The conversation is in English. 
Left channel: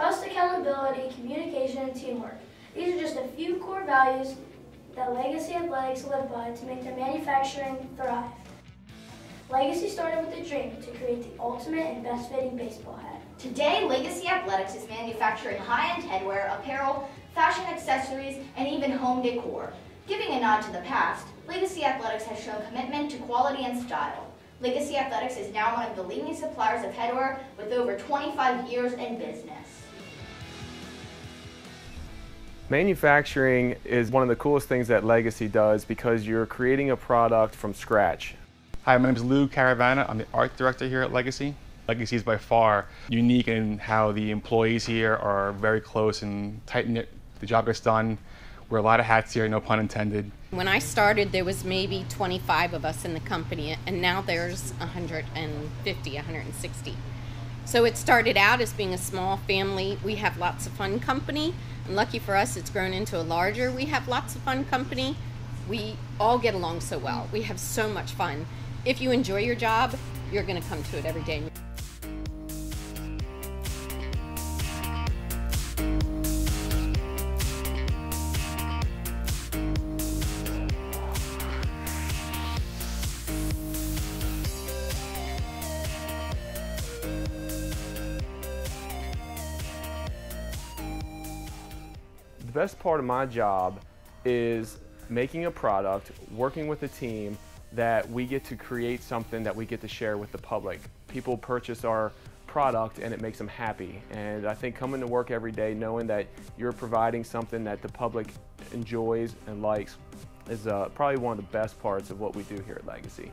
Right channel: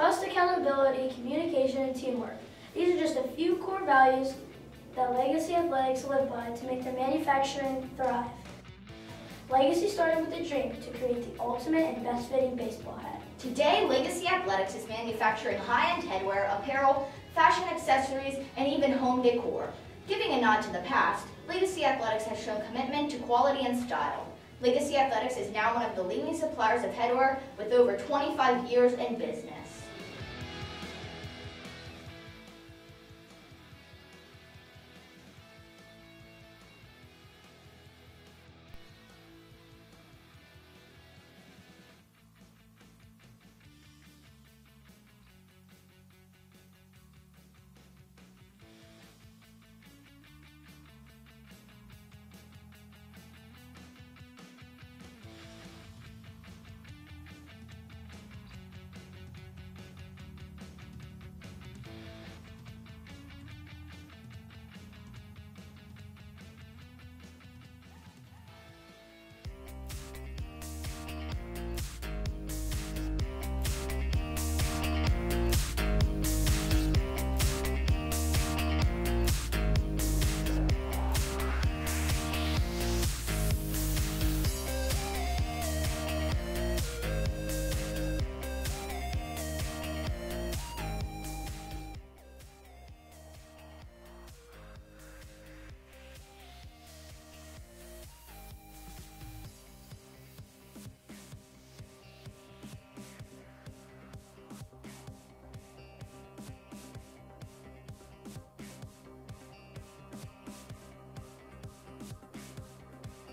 Trust, accountability, communication, and teamwork. These are just a few core values that Legacy Athletics live by to make their manufacturing thrive. Legacy started with a dream to create the ultimate and best-fitting baseball hat. Today, Legacy Athletics is manufacturing high-end headwear, apparel, fashion accessories, and even home decor. Giving a nod to the past, Legacy Athletics has shown commitment to quality and style. Legacy Athletics is now one of the leading suppliers of headwear with over 25 years in business. Manufacturing is one of the coolest things that Legacy does because you're creating a product from scratch. Hi, my name is Lou Caravana. I'm the art director here at Legacy. Legacy is by far unique in how the employees here are very close and tight-knit. The job gets done. Wear a lot of hats here, no pun intended. When I started, there was maybe 25 of us in the company, and now there's 150, 160. So it started out as being a small family. We have lots of fun company, and lucky for us, it's grown into a larger. We have lots of fun company. We all get along so well. We have so much fun. If you enjoy your job, you're going to come to it every day. The best part of my job is making a product, working with a team that we get to create something that we get to share with the public. People purchase our product and it makes them happy. And I think coming to work every day knowing that you're providing something that the public enjoys and likes is probably one of the best parts of what we do here at Legacy.